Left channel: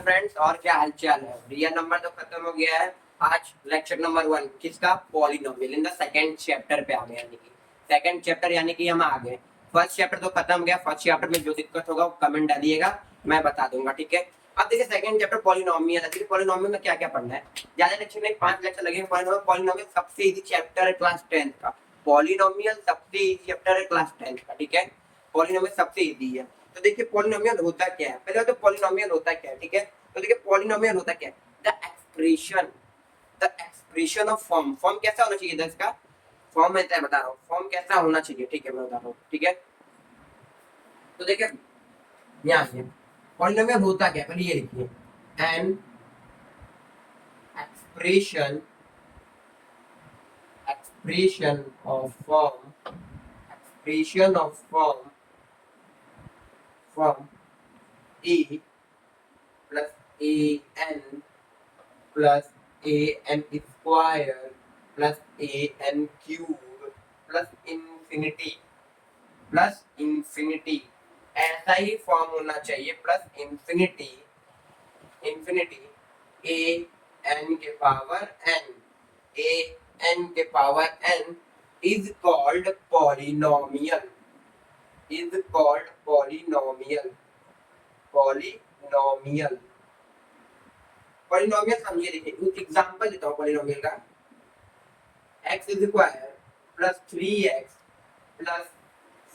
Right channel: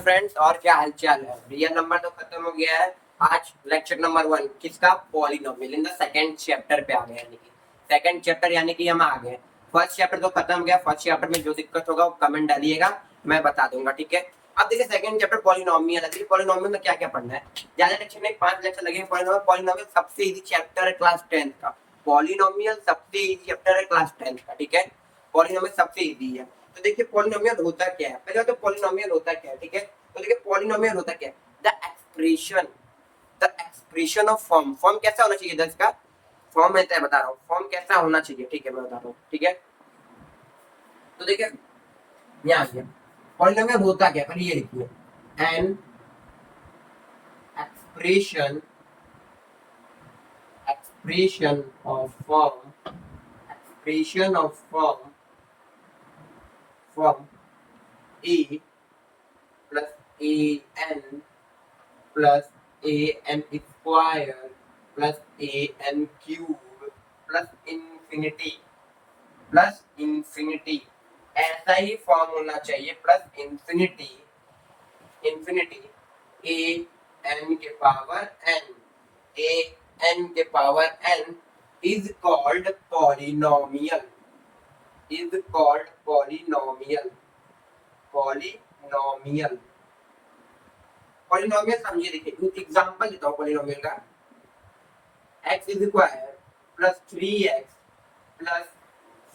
Friends और क्या हालचाल है। रियल नंबर तो खत्म हो गया है। आज लेक्चर नंबर 1 किसका, polynomial in the second chapter पे आ गए, यानी कि सेकंड चैप्टर यानी कि हम आ गए। फर्स्ट चैप्टर तो खत्म हो गया। फर्स्ट चैप्टर में जो दिक्कत होगा वो कमेंट डालिएगा, मैं बता दूंगा, ठीक है। अब देखिए सेकंड चैप्टर पॉलिनोमियल है। पॉलिनोमियल में क्या क्या पढ़ना है, ज्यादा लेक्चर नहीं, 5 लेक्चर लगेंगे। पॉलिनोमियल सबसे इजी चैप्टर है क्लास 10 का। पॉलिनोमियल सबसे इजी चैप्टर है क्लास 10 का, ठीक है। पॉलिनोमियल सबसे इजी है। तो देखिए पॉलिनोमियल होता क्या है, पहले तो पॉलिनोमियल होता क्या है, ठीक है। तो देखिए पॉलिनोमियल होता क्या है, the expression of form. Form कैसा होना चाहिए, इसका फॉर्म मैं बता रहा हूँ, फॉर्म कैसा होना चाहिए, ठीक है, मैं बता रहा हूँ, ठीक है। तो देखिए यहाँ से पॉलिनोमियल होता क्या है, पहले ये लिखिए, an expression expression of form, expression of form a plus a n plus a n square plus a n cube plus infinity ऐसा ही फॉर्म होना चाहिए, plus infinity infinity a n के पावर एन, ए एन के power n is called polynomial, is called polynomial, polynomial. Polynomial समझिए, देखिए कुछ example देता हूँ पॉलिनोमियल का। X is square plus 3x plus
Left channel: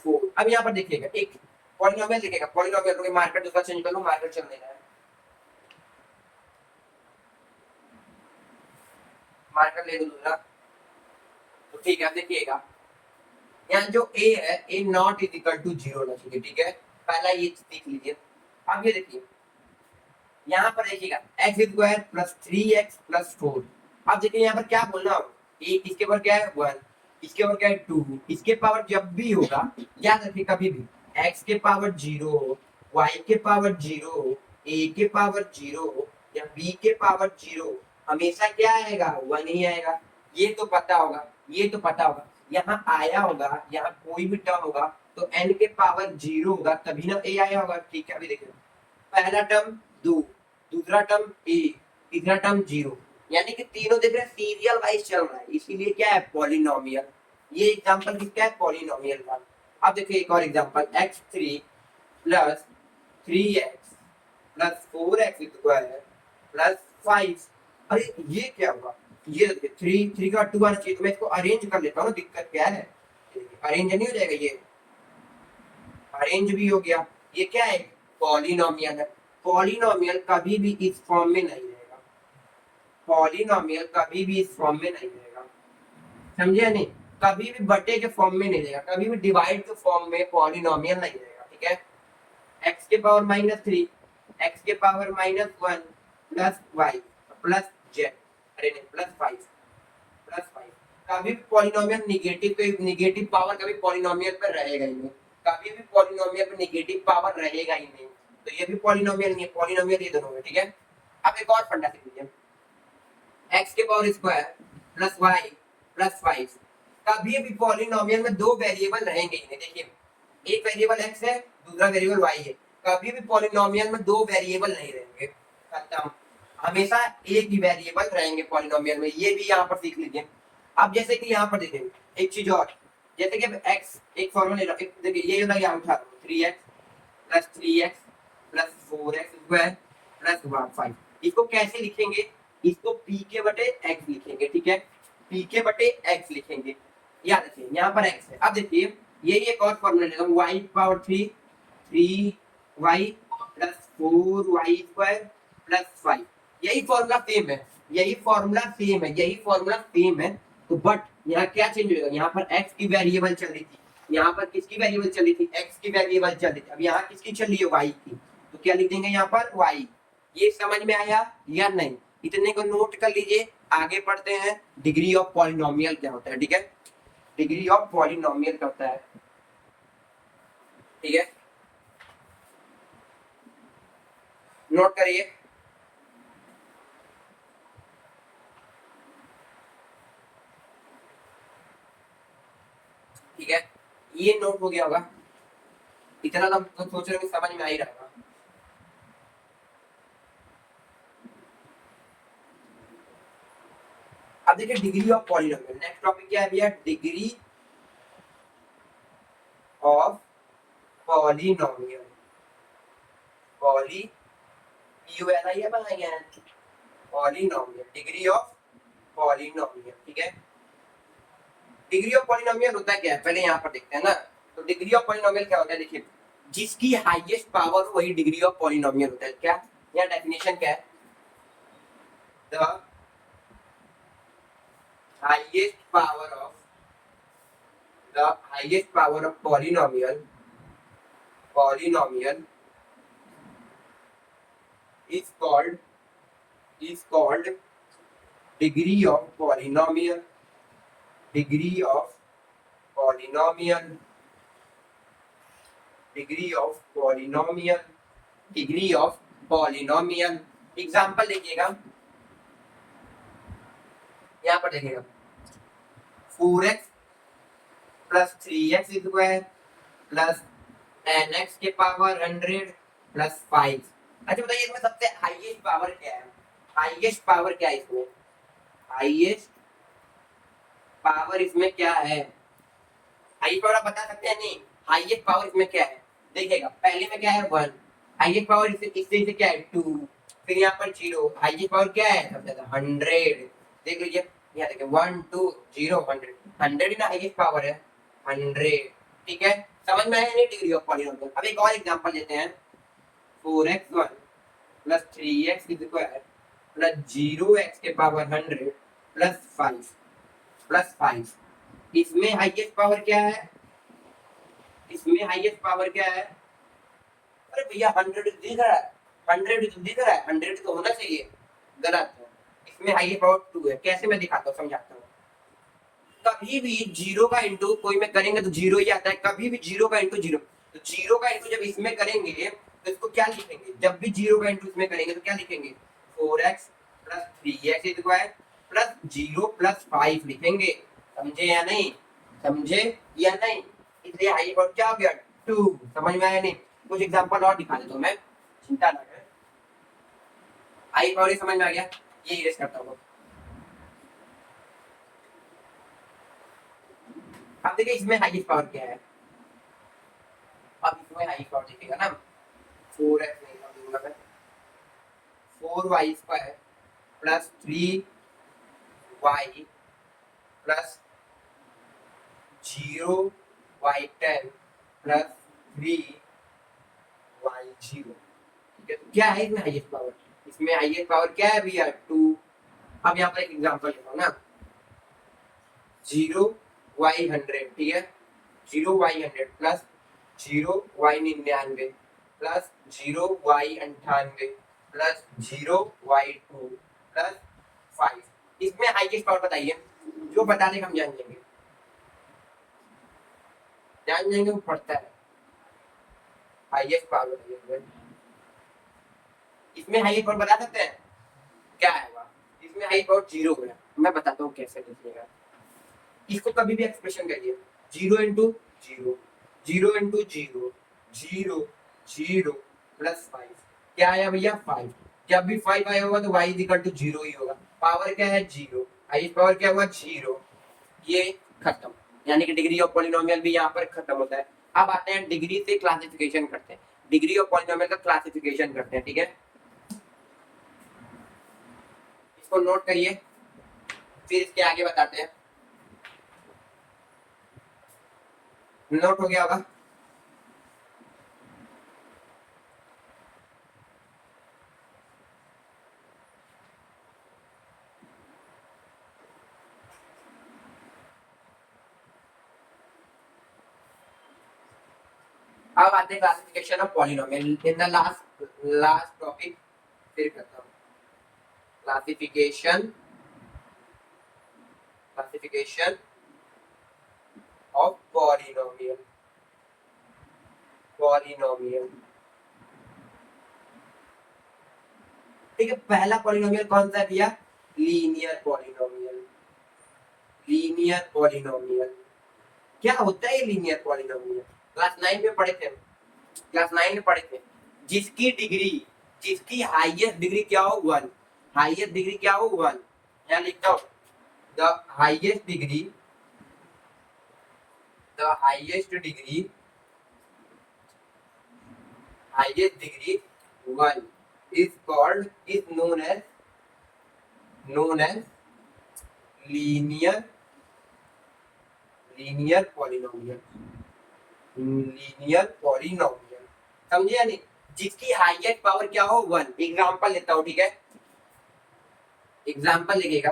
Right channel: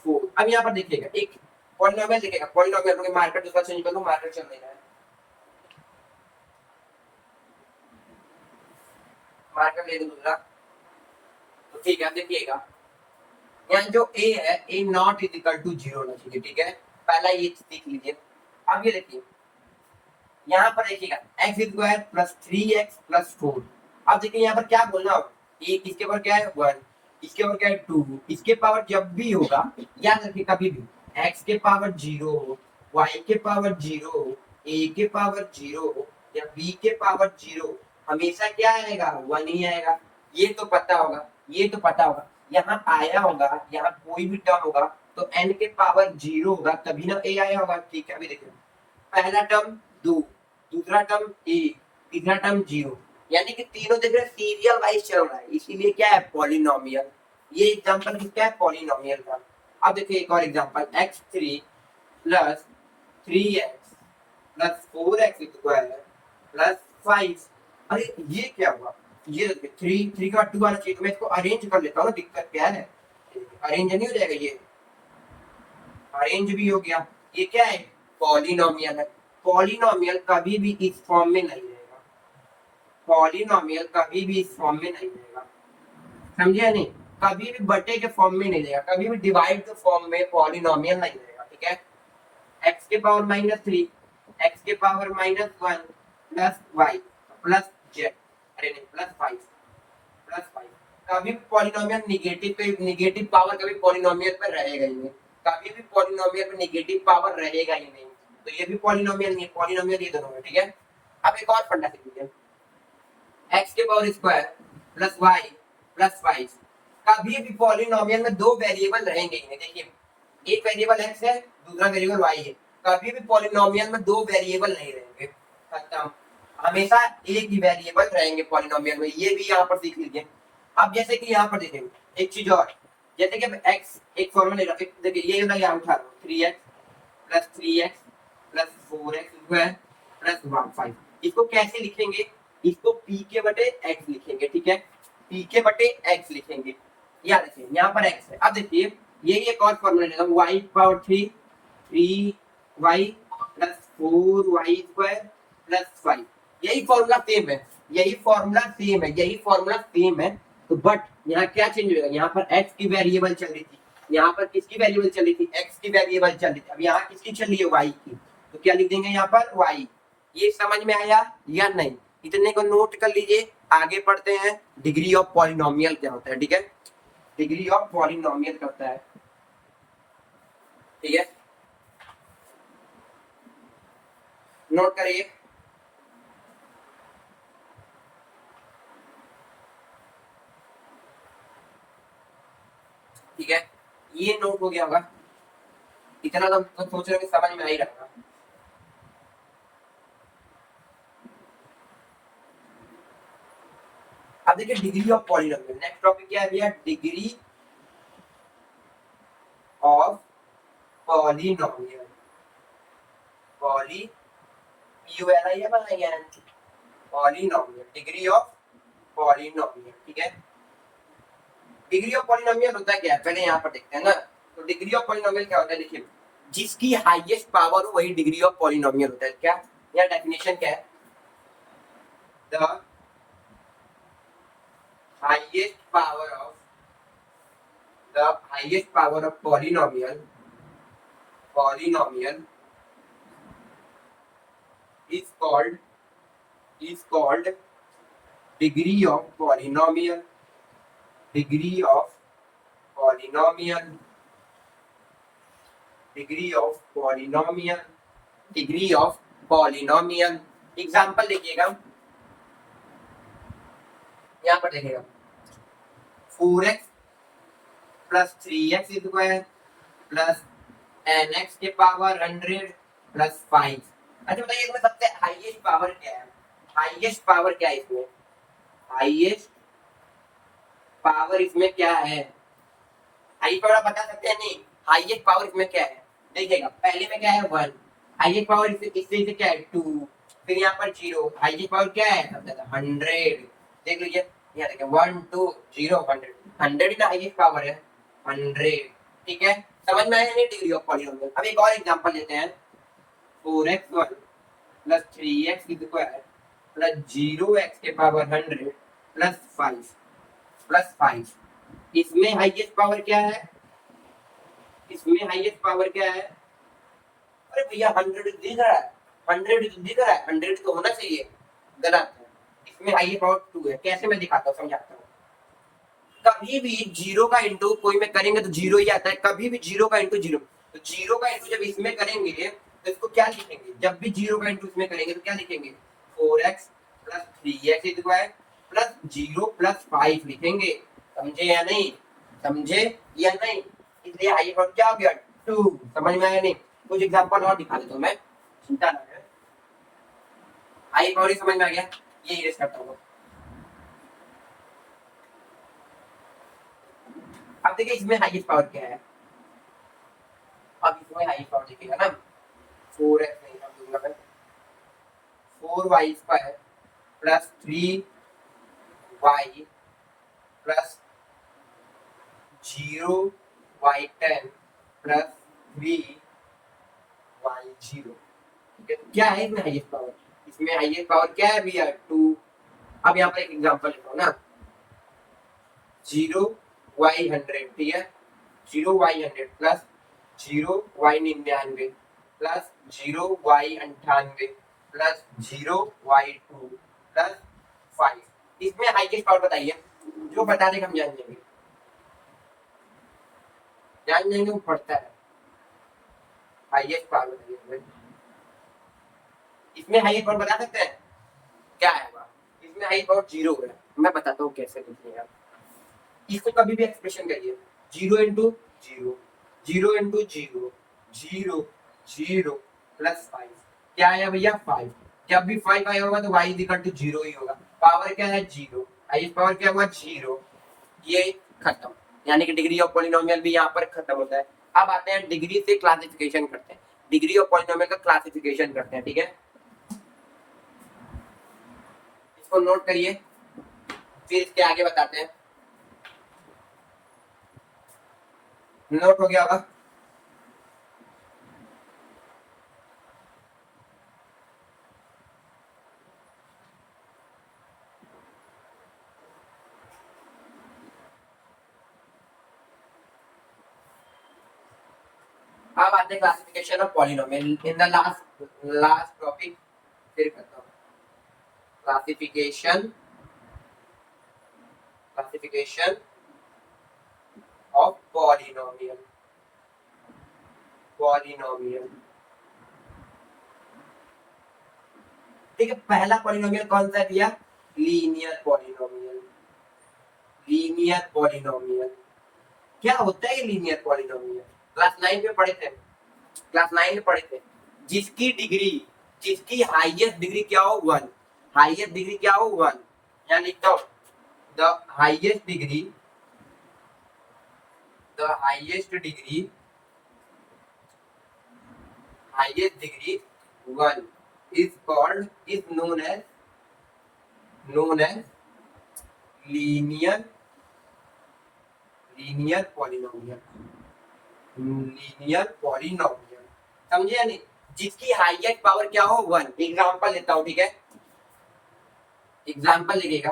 4। अब यहाँ पर देखिएगा एक पॉलिनोमियल दिखेगा, पॉलिनोमियल को मार्कर दूसरा चेंज कर लो, मार्कर चेंज नहीं है, मार्कर ले लो दूसरा। तो ठीक है, देखिएगा यहाँ जो a है, a not is equal to 0 होना चाहिए, ठीक है। पहला ये देख लीजिए। अब ये देखिए यहाँ पर देखिएगा x square plus 3x plus 4। अब देखिए यहाँ पर क्या बोलना होगा, एक इसके ऊपर क्या है 1, इसके ऊपर क्या है 2, इसके पावर जब भी होगा, याद रखिए कभी भी x के पावर 0, y के पावर 0, a के पावर 0 या b के पावर 0 हमेशा क्या आएगा, 1 ही आएगा। ये तो पता होगा, ये तो पता होगा। यहाँ आया होगा, यहाँ कोई भी टर्म होगा तो n के पावर 0 होगा तभी ना a आया होगा, ठीक है। अभी देखिए पहला टर्म 2, दूसरा टर्म ए, तीसरा टर्म 0, यानी कि तीनों देख रहे सीरियल वाइज चल रहा है, इसीलिए क्या है पॉलिनोमियल। ये एग्जांपल किसका है, पॉलिनोमियल का। अब देखिए एक और example, x3 plus 3x plus 4x square plus 5। अरे ये क्या हुआ, ये देखिए 3 का 2 आना चाहिए, तो मैं इसको अरेंज कर लेता हूँ ना, दिक्कत क्या है, अरेंज नहीं हो जाएगा, ये अरेंज भी हो गया। ये क्या है, पॉलिनोमियल है। पॉलिनोमियल कभी भी इस फॉर्म में नहीं रहेगा, पॉलिनोमियल कभी भी इस फॉर्म में नहीं रहेगा, समझे नहीं। कभी भी बटे के फॉर्म में नहीं रहेगा, कभी भी डिवाइड के फॉर्म में पॉलिनोमियल नहीं रहेगा, ठीक है। एक्स के पावर -3, एक्स के power -1 plus y plus z, अरे नहीं प्लस 5 कभी भी पॉलिनोमियल निगेटिव पावर कभी पॉलिनोमियल पर रहेगा ही नहीं, कभी भी पॉलिनोमियल पे निगेटिव पावर रहेगा ही नहीं। तो ये भी पॉलिनोमियल नहीं है, पॉलिनोमियल ये दोनों है, ठीक है। अब एक और फंडा सीख लीजिए, एक्स के power square plus y plus 5 कभी भी पॉलिनोमियल में दो वेरिएबल रहेंगे ही नहीं। देखिए एक वेरिएबल एक्स है, दूसरा वेरिएबल वाई है, कभी भी पॉलिनोमियल में दो वेरिएबल नहीं रहेंगे, खत्म। हमेशा एक ही वेरिएबल रहेंगे पॉलिनोमियल में, ये भी यहाँ पर सीख लीजिए। अब जैसे कि यहाँ पर देखिए एक चीज और, जैसे कि एक्स एक फॉर्मूला ले रहा हूँ, देखिए ये ना यहाँ उठा रहा हूँ 3x plus 4x square plus 5। इसको कैसे लिखेंगे, इसको पी के बटे एक्स लिखेंगे, ठीक है, पी के बटे एक्स लिखेंगे। याद रखिए यहाँ पर एक्स है। अब देखिए ये एक और फॉर्मूला लेता हूँ, y power 3y plus 4y square plus 5। यही फॉर्मूला सेम है, यही फॉर्मूला सेम है, यही फॉर्मूला सेम है। तो बट यहाँ क्या चेंज होगा, यहाँ पर एक्स की वेरिएबल चल रही थी, यहाँ पर किसकी वेरिएबल चल रही थी, एक्स की वेरिएबल चल रही थी। अब यहाँ किसकी चल रही है, वाई की, तो क्या लिख देंगे यहाँ पर वाई। ये समझ में आया या नहीं, इतने को नोट कर लीजिए। आगे पढ़ते हैं डिग्री ऑफ पॉलिनोमियल क्या होता है, ठीक है। डिग्री ऑफ पॉलिनोमियल क्या होता है, ठीक है, नोट करिए। ठीक है, ये नोट हो गया होगा, इतना तो सोच रहे हो समझ में आ ही रहा। अब देखिए degree of polynomial, next topic क्या है भैया, डिग्री ऑफ पॉलिनोमियल, पॉली पीयूएलआई बनाएंगे पॉलिनोमियल, डिग्री ऑफ पॉलिनोमियल, ठीक है। डिग्री ऑफ पॉलिनोमियल होता क्या है पहले यहाँ पर देखते हैं ना। तो डिग्री ऑफ पॉलिनोमियल क्या होता है, देखिए जिसकी हाईएस्ट पावर हो वही डिग्री ऑफ पॉलिनोमियल होता है। क्या या डेफिनेशन क्या है, the highest power of polynomial is called degree of polynomial, degree of polynomial, degree of polynomial, degree of polynomial। Example देखिएगा, यहाँ पर देखिएगा 4x plus 3x square plus 10x के पावर 100 प्लस 5। अच्छा बताइए इसमें सबसे हाईएस्ट पावर क्या है, हाईएस्ट पावर क्या है इसमें, हाईएस्ट पावर इसमें क्या है, हाईएस्ट पावर आप बता सकते हैं नहीं, हाईएस्ट पावर इसमें क्या है, देखिएगा पहले में क्या है 1, हाईएस्ट पावर इससे क्या है 2, फिर यहाँ पर 0, हाईएस्ट पावर क्या है सबसे ज्यादा 100। देख लीजिए यहाँ देखिए 1 2 0 100, 100 ही ना हाईएस्ट पावर है 100, ठीक है। समझ में आया नहीं डिग्री ऑफ पॉलिनोमियल। अब एक और एग्जांपल लेते हैं 4x1 plus 3x square plus 0x के पावर 100 प्लस 5। इसमें हाईएस्ट पावर क्या है, इसमें हाईएस्ट पावर क्या है, अरे भैया 100 दिख रहा है, 100 तो दिख रहा है, 100 तो होना चाहिए, गलत है। इसमें हाईएस्ट पावर 2 है। कैसे मैं दिखाता हूँ, समझाता हूँ। कभी भी जीरो का इंटू कोई में करेंगे तो जीरो ही आता है, कभी भी जीरो का इंटू जीरो, तो जीरो का इंटू जब इसमें करेंगे तो इसको क्या लिखेंगे, जब भी जीरो का इंटू इसमें करेंगे तो क्या लिखेंगे 4x plus 3x square plus 0 plus 5 लिखेंगे। समझे या नहीं, समझे या नहीं, इसलिए हाई पावर क्या हो गया 2। समझ में आया नहीं, कुछ एग्जांपल और दिखा देता हूं मैं, चिंता ना करें। हाई पावर ही समझ में आ गया, ये इरेज करता हूं। अब देखिए इसमें हाईएस्ट पावर क्या है, अब इसमें हाईएस्ट पावर देखिएगा ना 4x नहीं अब दूंगा मैं 4y square plus 3y plus 0y10 plus 3y0, ठीक है। क्या है इसमें हाईएस्ट पावर, इसमें हाईएस्ट पावर क्या है भैया 2। अब यहाँ पर एक एग्जांपल लिखो ना 0y100, ठीक है, 0y100 plus 0y99 plus 0y98 plus 0y2 plus 5। इसमें हाईएस्ट पावर बताइए, जो बता देगा हम जान जाएंगे, वो पढ़ता है हाईएस्ट पावर बताइए। इसमें हाईएस्ट पावर बता सकते हैं क्या है, इसमें हाईएस्ट पावर 0 है। मैं बताता हूँ कैसे लिखिएगा, इसको कभी भी एक्सप्रेशन करिए 0 इंटू 0 0 इंटू 0 0 0 प्लस 5, क्या आया भैया 5। जब भी 5 आया होगा तो y इक्वल टू 0 ही होगा, पावर क्या है 0, हाईएस्ट पावर क्या हुआ 0, ये खत्म। यानी कि डिग्री ऑफ पॉलिनोमियल भी यहाँ पर खत्म होता है। अब आते हैं डिग्री से क्लासिफिकेशन करते हैं, डिग्री ऑफ पॉलिनोमियल का क्लासिफिकेशन करते हैं, ठीक है। इसको नोट करिए, फिर इसके आगे बताते हैं। नोट हो गया होगा, अब आते हैं classification of polynomial in the last topic, फिर करता हूँ क्लासिफिकेशन ऑफ पॉलिनोमियल। ठीक है, पहला पॉलिनोमियल कौन सा दिया, लीनियर पॉलिनोमियल। क्या होता है ये लीनियर पॉलिनोमियल, क्लास 9 में पढ़े थे, जिसकी हाईएस्ट डिग्री क्या हो 1, हाईएस्ट डिग्री क्या हो 1, यहाँ लिखता हूँ the highest degree the highest degree one is known as linear polynomial समझे या नहीं? जिसकी हाईएस्ट पावर क्या हो 1। एग्जांपल लेता हूं, ठीक है? एग्जांपल लिखेगा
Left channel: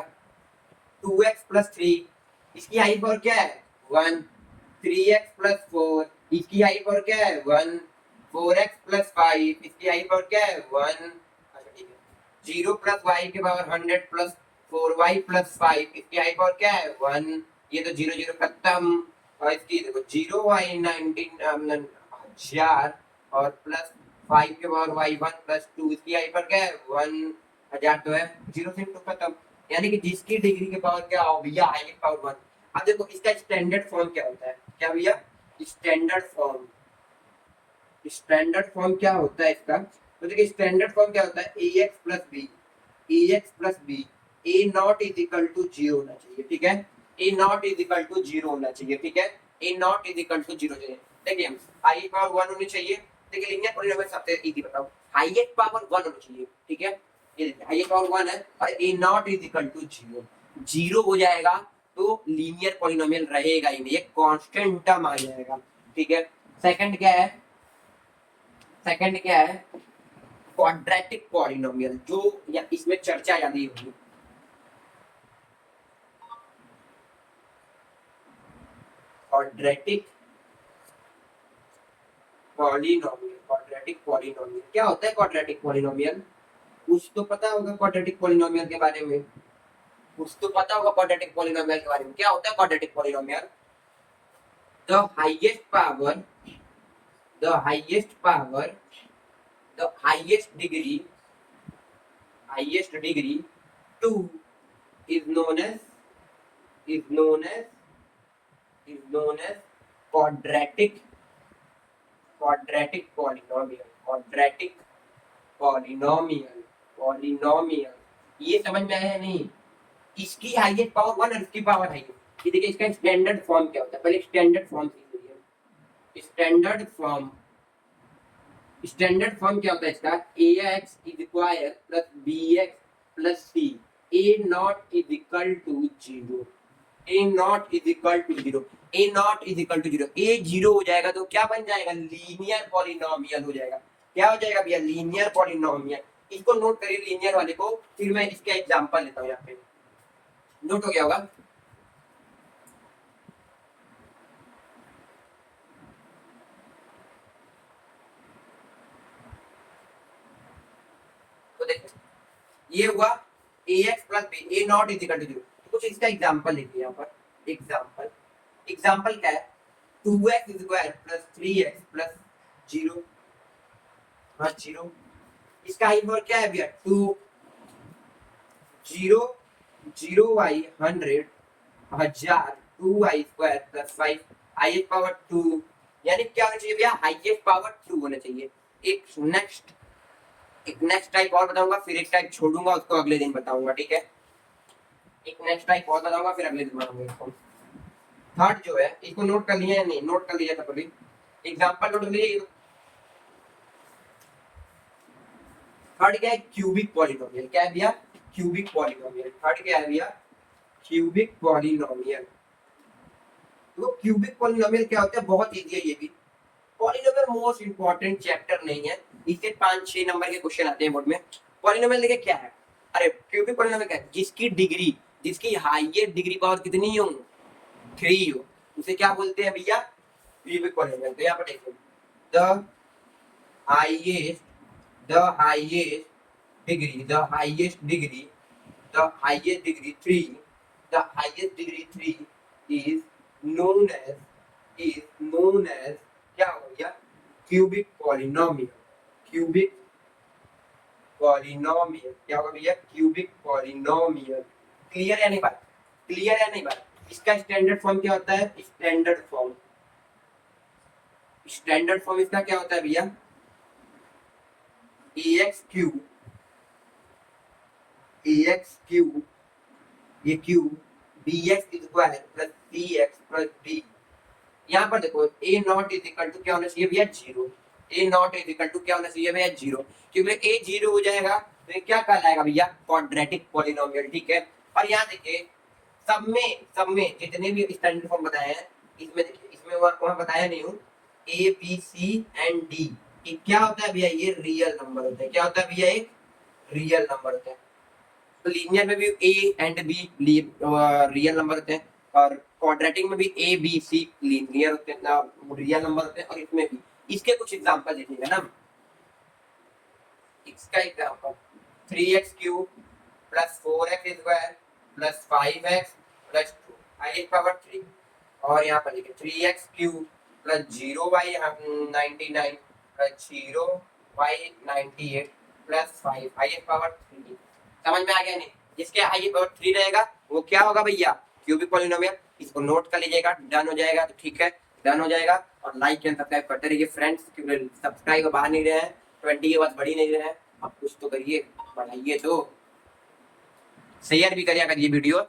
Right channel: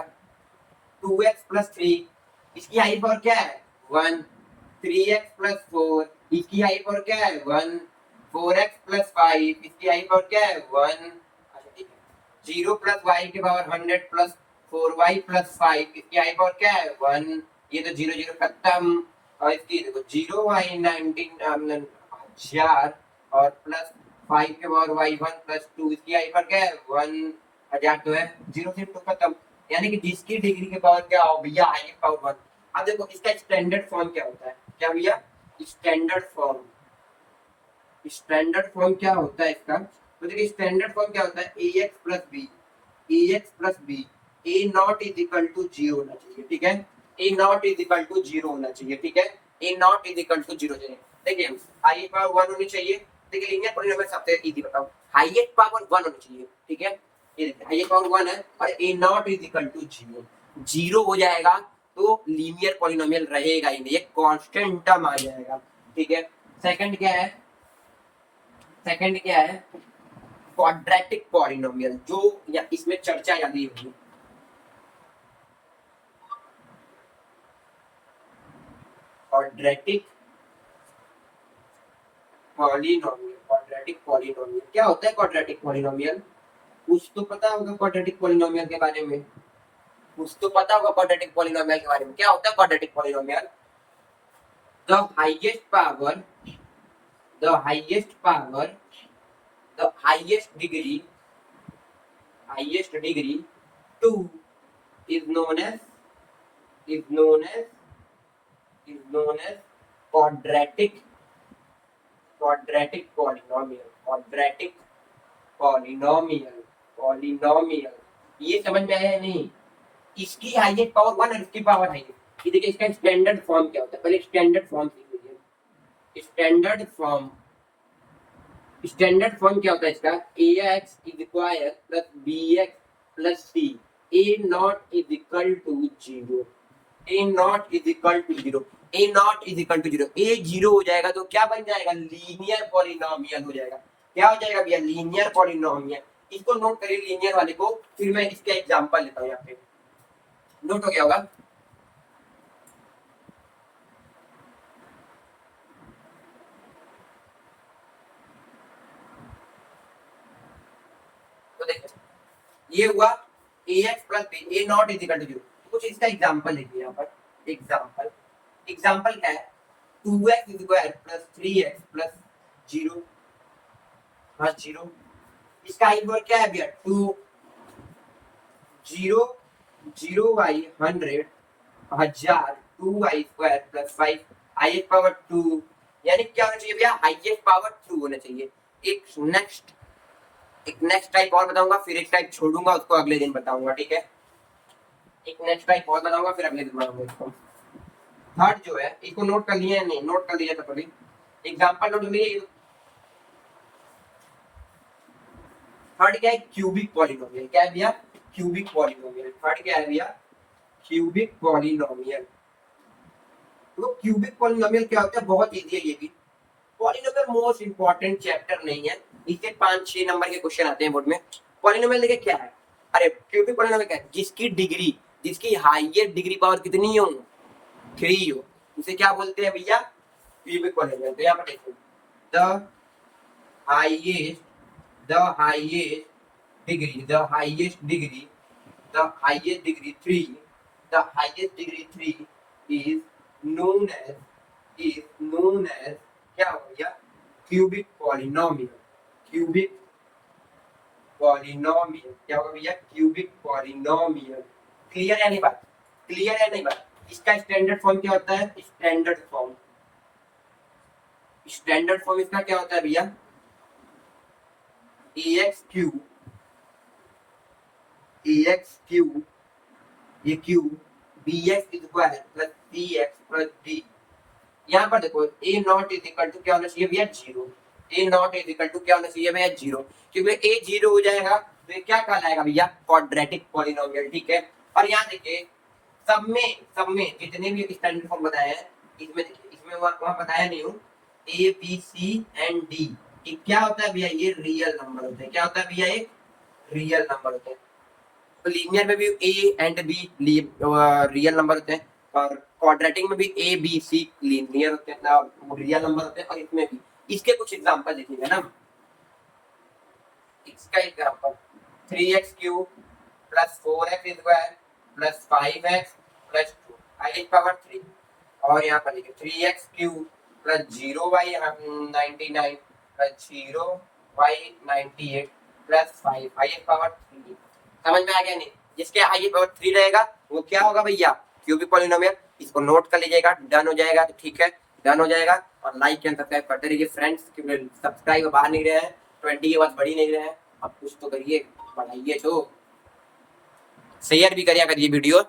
2x प्लस 3, इसकी हाई पावर क्या है 1। 3x प्लस 4, इसकी हाई पावर क्या है 1। 4x प्लस 5, इसकी हाई पावर क्या है 1। अच्छा ठीक है। 0 प्लस y की पावर 100 प्लस 4y प्लस 5, इसकी हाई पावर क्या है 1। ये तो 0 0 खत्म। और इसकी देखो 0y 19 1000 और प्लस 5 के पावर y1 प्लस 2, इसकी हाई पावर क्या है 1000 तो है। 0 से 2 खत्म। यानी कि जिसकी डिग्री के पावर क्या हो भैया हाईएस्ट पावर 1। अब देखो इसका स्टैंडर्ड फॉर्म क्या होता है, क्या भैया स्टैंडर्ड फॉर्म क्या होता है इसका। तो देखिए स्टैंडर्ड फॉर्म क्या होता है ax plus b a not is equal to 0 होना चाहिए, ठीक है। a not is equal to 0 होना चाहिए, ठीक है। a not is equal to 0 चाहिए। देखिए हाईएस्ट पावर 1 होनी चाहिए। देखिए लीनियर पॉलीनोमियल सबसे इजी बताओ, हाईएस्ट पावर 1 होनी चाहिए, ठीक है। ये देखिए हाईएस्ट पावर 1 है और a not is equal to 0। 0 हो जाएगा तो लीनियर पॉलीनोमियल रहेगा ही नहीं, एक कांस्टेंट टर्म आ जाएगा, ठीक है। सेकंड क्या है क्वाड्रेटिक पॉलिनोमियल, जो या इसमें चर्चा ज्यादा होगी। क्वाड्रेटिक पॉलिनोमियल क्या होता है? क्वाड्रेटिक पॉलिनोमियल कुछ तो पता होगा क्वाड्रेटिक पॉलिनोमियल के बारे में, क्या होता है quadratic polynomial? The highest power the highest degree 2 is known as quadratic polynomial। ये समझ में आया या नहीं? इसकी हाईएस्ट पावर 1 और इसकी पावर है ये। देखिए इसका स्टैंडर्ड फॉर्म क्या होता है, पहले स्टैंडर्ड फॉर्म सीख लीजिए। स्टैंडर्ड फॉर्म क्या होता है इसका? ax is square plus bx plus c a not is equal to 0। a not is equal to 0 a 0 हो जाएगा तो क्या बन जाएगा? लीनियर पॉलिनोमियल हो जाएगा। क्या हो जाएगा भैया? Linear polynomial. इसको नोट करिए लीनियर वाले को, फिर मैं इसका एग्जांपल लेता हूं। यहाँ पे नोट हो गया होगा। तो देखो ये हुआ ax plus b a not is equal to 0। कुछ इसका एग्जांपल लिखिए यहाँ पर। एग्जांपल क्या है? 2x square plus 3x plus 0 plus 0, इसका हाई पावर क्या है भैया 2। 0y 100 1000 2y square plus 5 highest power 2। यानी क्या होना चाहिए भैया? हाईएस्ट पावर 2 होना चाहिए। एक नेक्स्ट टाइप और बताऊंगा, फिर एक टाइप छोड़ूंगा, उसको अगले दिन बताऊंगा, ठीक है। एक नेक्स्ट टाइप और बताऊंगा, फिर अगले दिन बताऊंगा इसको। थर्ड जो है इसको नोट कर लिया या नहीं? नोट कर लिया था कभी? एग्जांपल नोट कर लिए। थर्ड क्या है? Cubic polynomial. क्या है भैया? Cubic polynomial. थर्ड क्या है भैया? Cubic polynomial. तो क्यूबिक पॉलिनोमियल क्या होता है? बहुत इजी है ये भी। पॉलिनोमियल मोस्ट इंपॉर्टेंट चैप्टर नहीं है, इसके 5-6 नंबर के क्वेश्चन आते हैं बोर्ड में। पॉलिनोमियल देखिए क्या है? अरे क्यूबिक पॉलिनोमियल क्या है? जिसकी हाईएस्ट डिग्री पावर कितनी हो? 3 हो, उसे क्या बोलते हैं भैया? Cubic polynomial. तो यहाँ पर देखो the highest degree 3 is known as क्या हो गया? Cubic polynomial. क्या होगा भैया? Cubic polynomial. क्लियर है नहीं बात? इसका स्टैंडर्ड फॉर्म क्या होता है? स्टैंडर्ड फॉर्म इसका क्या होता है भैया? ax क्यूब ये cube bx square plus cx plus d। यहाँ पर देखो a not is equal to क्या होना चाहिए भैया 0। a not is equal to क्या होना चाहिए भैया 0, क्योंकि a 0 हो जाएगा तो ये क्या कहलाएगा भैया क्वाड्रेटिक पॉलिनोमियल। ठीक है, और यहाँ देखिए सब में जितने भी स्टैंडर्ड फॉर्म बताए हैं इसमें देखिए, इसमें वहाँ बताया नहीं हूँ a b c and d, ये क्या होता है भैया, ये रियल नंबर होते हैं। क्या होता है भैया, ये रियल नंबर होते हैं। तो लीनियर में भी A and be real number होते हैं, और क्वाड्रेटिक में भी ए बी सी लीनियर होते हैं, रियल नंबर होते हैं। और इसमें भी इसके कुछ एग्जांपल देखेंगे ना। इसका example 3x³ plus 4x square plus 5x plus 2 आई पावर 3। और यहाँ पर देखिए 3x³ plus 0y99 plus 0y98 plus 5 आई पावर 3। समझ में आ गया नहीं? जिसके आई पावर 3 रहेगा वो क्या होगा भैया, क्यूबिक पॉलिनोमियल। इसको नोट कर लीजिएगा, डन हो जाएगा। तो ठीक है, डन हो जाएगा। और लाइक एंड सब्सक्राइब करते रहिए फ्रेंड्स, क्योंकि सब्सक्राइब बाहर नहीं रहे हैं, 20 के बाद बढ़ ही नहीं रहे हैं। अब कुछ तो करिए, बढ़ाइए, तो शेयर भी करिए वीडियो।